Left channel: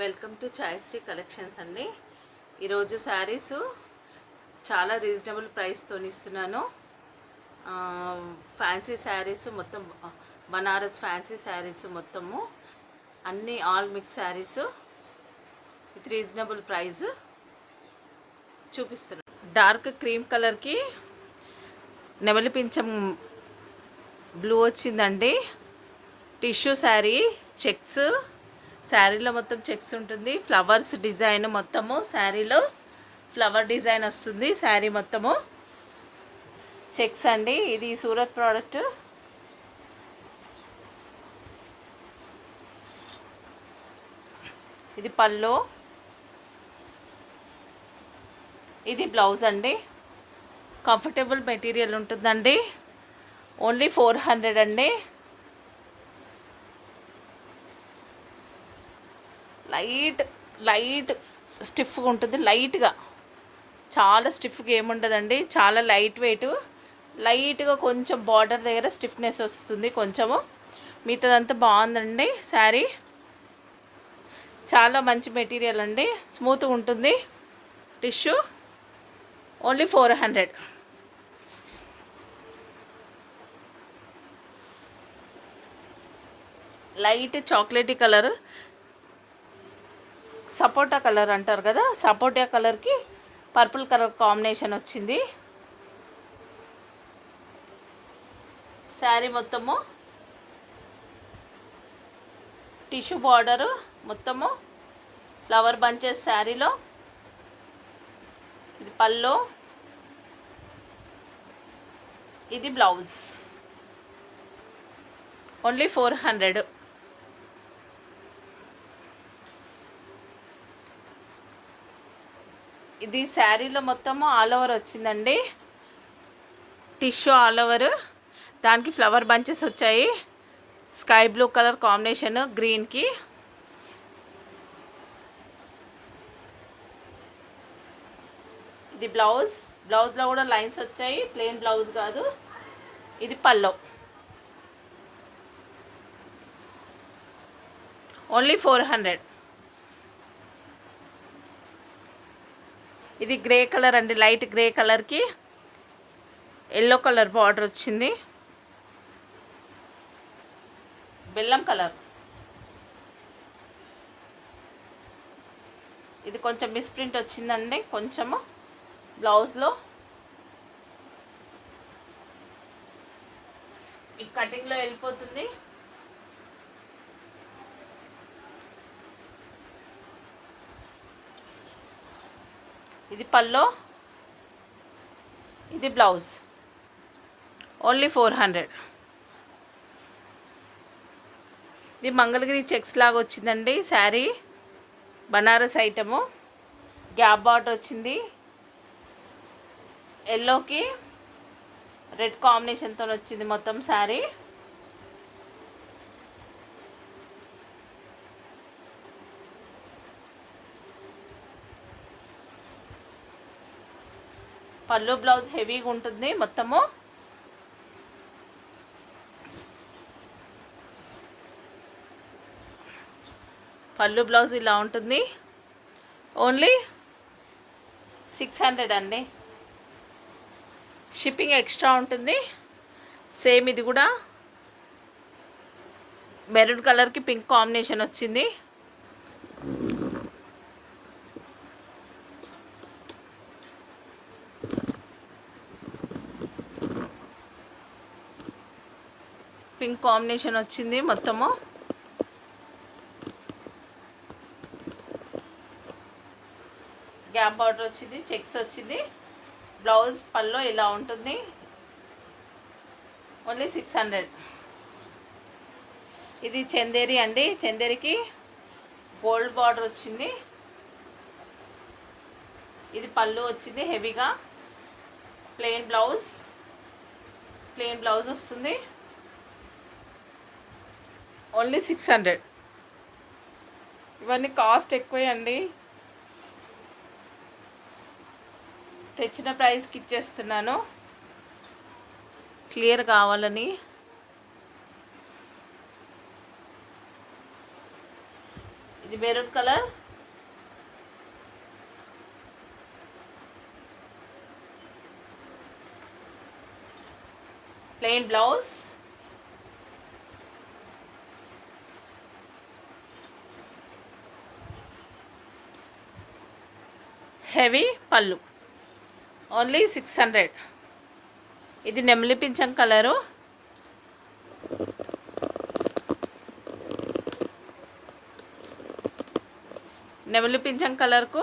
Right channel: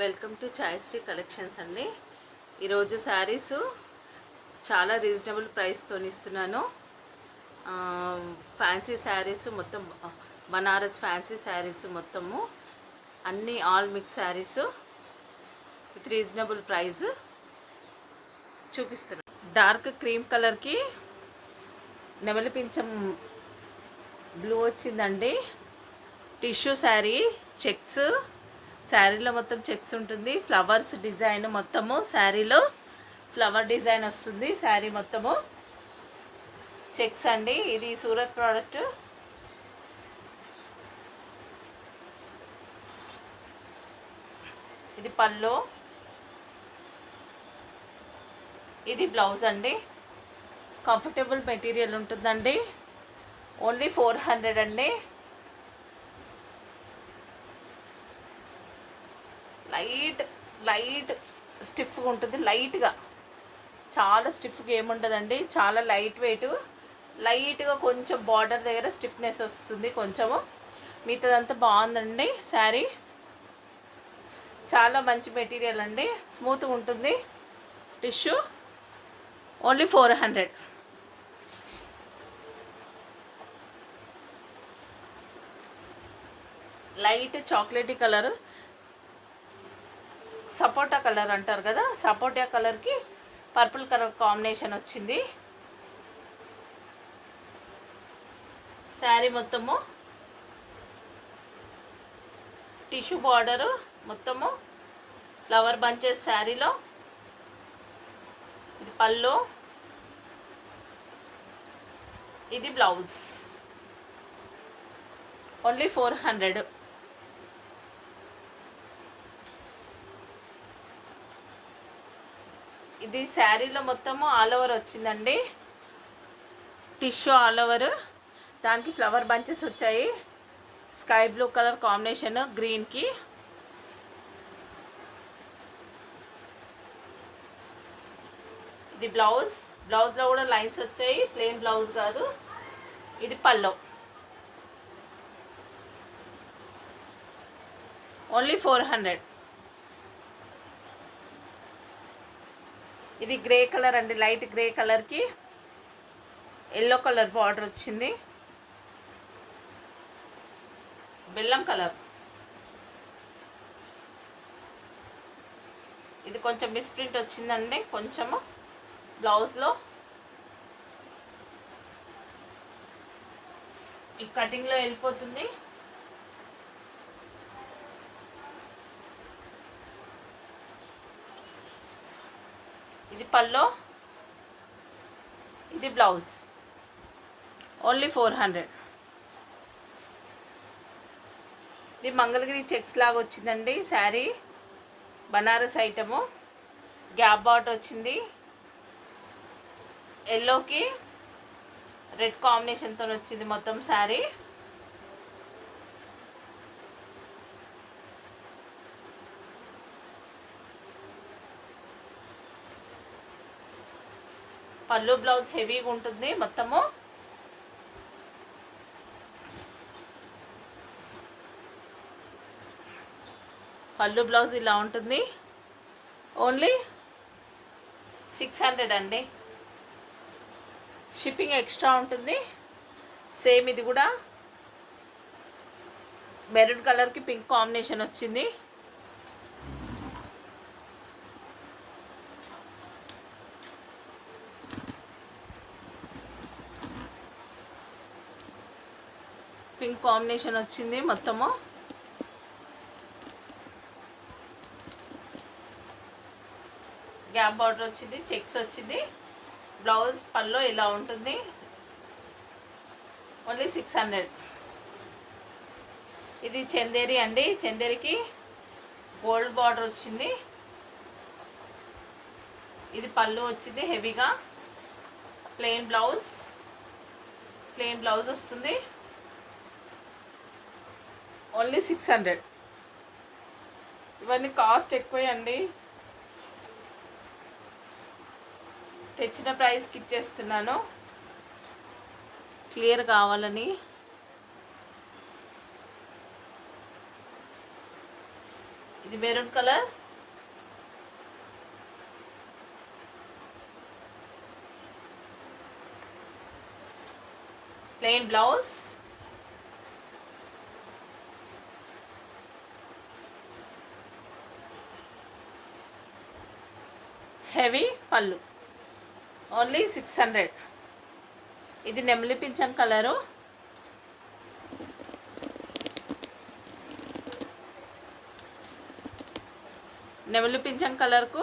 Welcome to ఛాయశ్రీ collections అండి. ఈరోజు శారీస్ చాలా రీజనబుల్ ప్రైస్తో ఇస్తున్నాను. ఫ్యాన్సీ శారీస్ మొత్తం బనారస్ ఫ్యాన్సీ శారీస్ మొత్తము అన్నీ all mix saris with reasonable price చూపిస్తున్నాను. డార్క్ క్రీమ్ కలర్కి నెమలి పింఛం బ్లూ వచ్చిందండి. టిష్యూ శారీ, చెక్స్ శారీలో మొత్తం చెక్స్ ఉంటుంది. ఫ్లవర్స్ డిజైన్ మొత్తము శారీలో ఫ్లవర్ డిజైన్ వస్తుంది. శారీ మొత్తము చెక్స్ అండి. ఇది సూరత్ ప్రోడక్ట్. ఇది పల్లో, ఇది బ్లౌజ్ అండి. కంఫర్టబుల్ మెటీరియల్ ఉంటుందండి. ఓన్లీ 400 అండి. లైట్ స్టిఫ్గా ఉంటుంది. లైట్గా, చాలా స్టిఫ్గా ఏముండదండి. చాలా లైట్ వెయిట్. లైట్గా కొంచెం బార్డర్ దగ్గర స్టిఫ్నెస్ వస్తుంది కొంచెము. మిగతాదంతా బాగుందండి. శారీ చాలా మంచి మెటీరియల్ అండి. స్మూత్గా ఉంటుంది. Tissue only 400. Light chocolatey colour, sapota colour అంటారు కదా, సపోటా కలర్కి పర్పుల్ కలర్ కాంబినేషన్ వచ్చింది. శారీ మొత్తము టిష్యూ బార్డరు, మొత్తము ఫ్లవర్ బంచెస్ శారీలో. ఇది పల్లో, ఇది బ్లౌజ్. ఓన్లీ 400. ఇది శారీలో మొత్తము ఆల్ ఓవర్ వచ్చిందండి. టిష్యూ ఆల్ ఓవర్, దానికి ఫ్లవర్ బంచెస్ వచ్చాయి. స్కై బ్లూ కలర్ కాంబినేషన్ గ్రీన్కి. ఇది బ్లౌజ్. బ్లౌజ్లో కూడా లైన్స్ వచ్చాయి, ప్లెయిన్ బ్లౌజ్ కాదు. ఇది పల్లో. ఓన్లీ 400. ఇది గ్రే కలర్ అండి. లైట్ గ్రే కలర్కి ఎల్లో కలర్ బార్డర్ వచ్చింది. బెల్లం కలర్. ఇది కొంచెం మిస్ప్రింట్ వచ్చిందండి కొంచెము బ్లౌజ్లో. ఈ కటింగ్లో వెళ్ళిపోతుంది. ఇది పల్లో, ఇది బ్లౌజ్. ఓన్లీ 400. ఇది మంగళగిరి చెక్స్ లాగా వచ్చిందండి sari. Banaras item. Gap border వచ్చింది. ఎల్లోకి రెడ్ కాంబినేషన్తో వచ్చింది మొత్తం శారీ. పళ్ళు బ్లౌజ్ హెవీగా ఉంటుంది మొత్తము. పళ్ళు బ్లౌజ్ ఇలా ఉంటుంది. ఓన్లీ 600 అండి. షిప్పింగ్ ఎక్స్ట్రా ఉంటుంది. సేమ్ ఇది కూడా మెరూన్ కలర్కి పింక్ కాంబినేషన్ వచ్చింది. పింక్ కాంబినేషన్ వచ్చింది మొత్తము. గ్యాప్ బార్డర్ వచ్చింది, చెక్స్ వచ్చింది. బ్లౌజ్ పల్లో ఇలా ఉంటుంది. ఓన్లీ 600. ఇది చందేరి అండి. చందేరికి గోల్డ్ బార్డర్ వచ్చింది. ఇది పళ్ళు వచ్చింది హెవీగా. ప్లెయిన్ బ్లౌజ్ వస్తుంది. ఓన్లీ 600. ఇవన్నీ కాస్ట్ ఎక్కువే అండి. తెచ్చిన ప్రైస్కి ఇచ్చేస్తున్నాను క్లియర్ కావాలని. ఇది ఇది maroon colour, plain blouse, heavy పళ్ళు, ఓన్లీ 600. ఇది నెమలి పింఛం కలరు, నెమలి పింఛం కలర్కు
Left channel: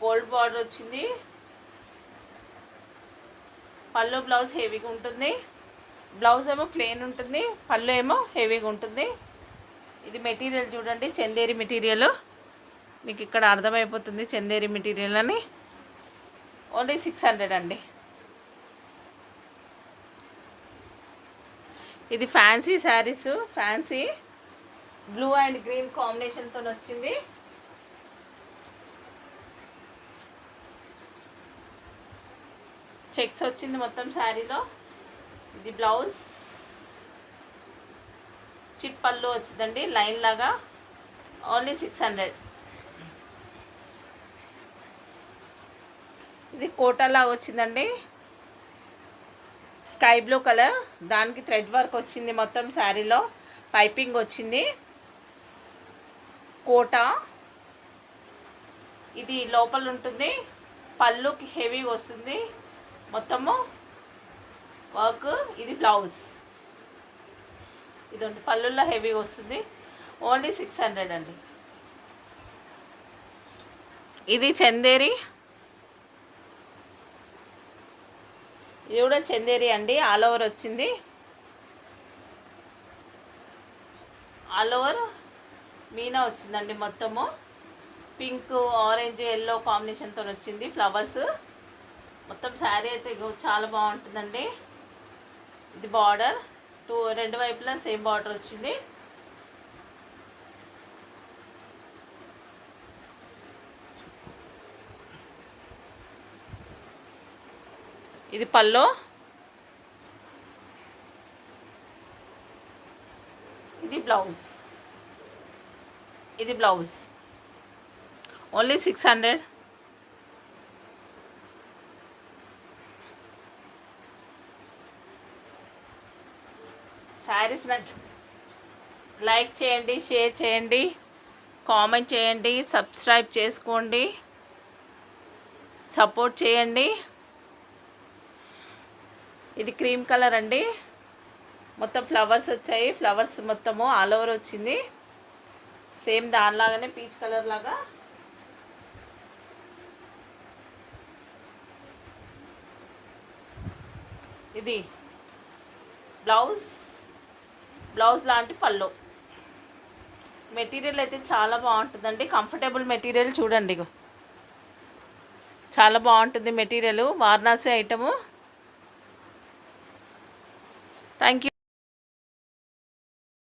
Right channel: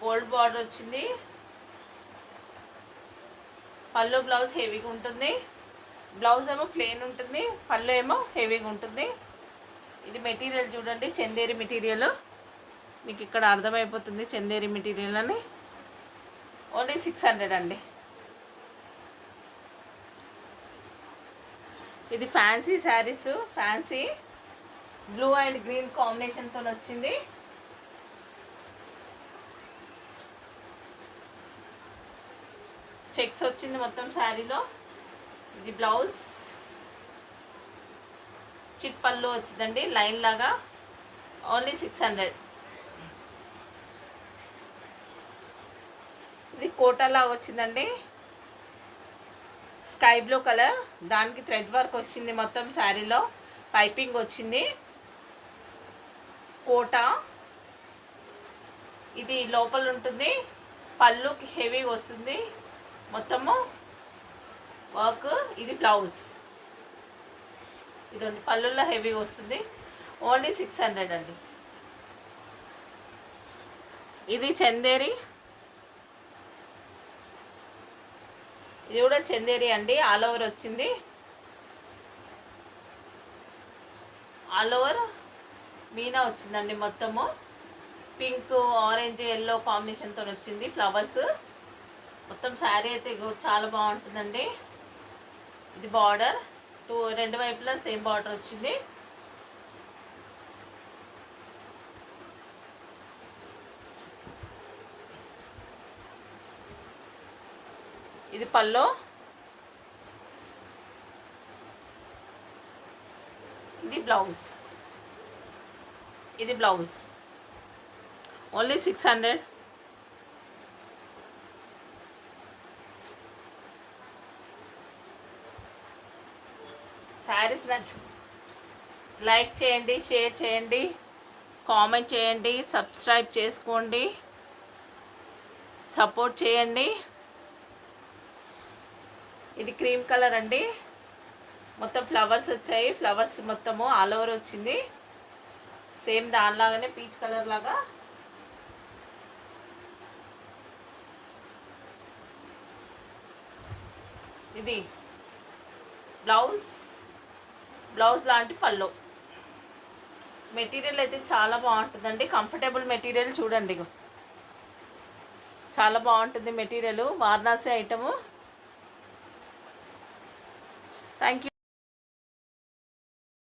గోల్డ్ బార్డర్ వచ్చింది. పళ్ళు బ్లౌజ్ హెవీగా ఉంటుంది, బ్లౌజ్ ఏమో ప్లెయిన్ ఉంటుంది, పళ్ళు ఏమో హెవీగా ఉంటుంది. ఇది మెటీరియల్ చూడండి, చందేరి మెటీరియల్, మీకు ఇక్కడ అర్థమైపోతుంది చందేరి మెటీరియల్ అని. ఓన్లీ 600 అండి. ఇది fancy saris, fancy blue and green కాంబినేషన్తో వచ్చింది. చెక్స్ వచ్చింది మొత్తం శారీలో. ఇది బ్లౌజ్, చిట్ పళ్ళు వచ్చిందండి లైన్ లాగా. ఓన్లీ 600. ఇది కోటాలా వచ్చిందండి, స్కై బ్లూ కలర్, దానికి థ్రెడ్ వర్క్ వచ్చింది మొత్తం శారీలో, పైపింగ్ వచ్చింది. కోటా ఇది లోపల ఉంటుంది, పళ్ళుకి హెవీగా వస్తుంది మొత్తము వర్క్. ఇది బ్లౌజ్, ఇది పళ్ళుల్లో హెవీగా వస్తుంది. ఓన్లీ 600 అండి. ఇది చందేరి, ఇది కూడా చందేరి అండి, ఆల్ ఓవర్ వచ్చింది. ఆల్ ఓవర్ మీనా వచ్చిందండి మొత్తము, పింక్ ఆరెంజ్ ఎల్లో కాంబినేషన్తో వచ్చింది ఫ్లవర్స్. మొత్తం శారీ అయితే చాలా బాగుంటుందండి. ఇది బార్డర్, రెండు వైపులా సేమ్ బార్డర్ వచ్చింది. ఇది పల్లో, ఇది బ్లౌజ్, ఇది బ్లౌజ్. ఓన్లీ 600. శారీస్ లైక్ చేయండి, షేర్ చేయండి, కామెంట్ చేయండి, సబ్స్క్రైబ్ చేసుకోండి, సపోర్ట్ చేయండి. ఇది క్రీమ్ కలర్ అండి, మొత్తం ఫ్లవర్స్ వచ్చాయి, ఫ్లవర్స్ మొత్తము ఆల్ ఓవర్ వచ్చింది. సేమ్ దానిలాగానే పీచ్ కలర్ లాగా. ఇది బ్లౌజ్, బ్లౌజ్ లాంటి పళ్ళు. మెటీరియల్ అయితే చాలా బాగుంటుందండి, కంఫర్టబుల్ మెటీరియల్ చూడండి, చాలా బాగుంటుంది material, Varanasi item. Thank you.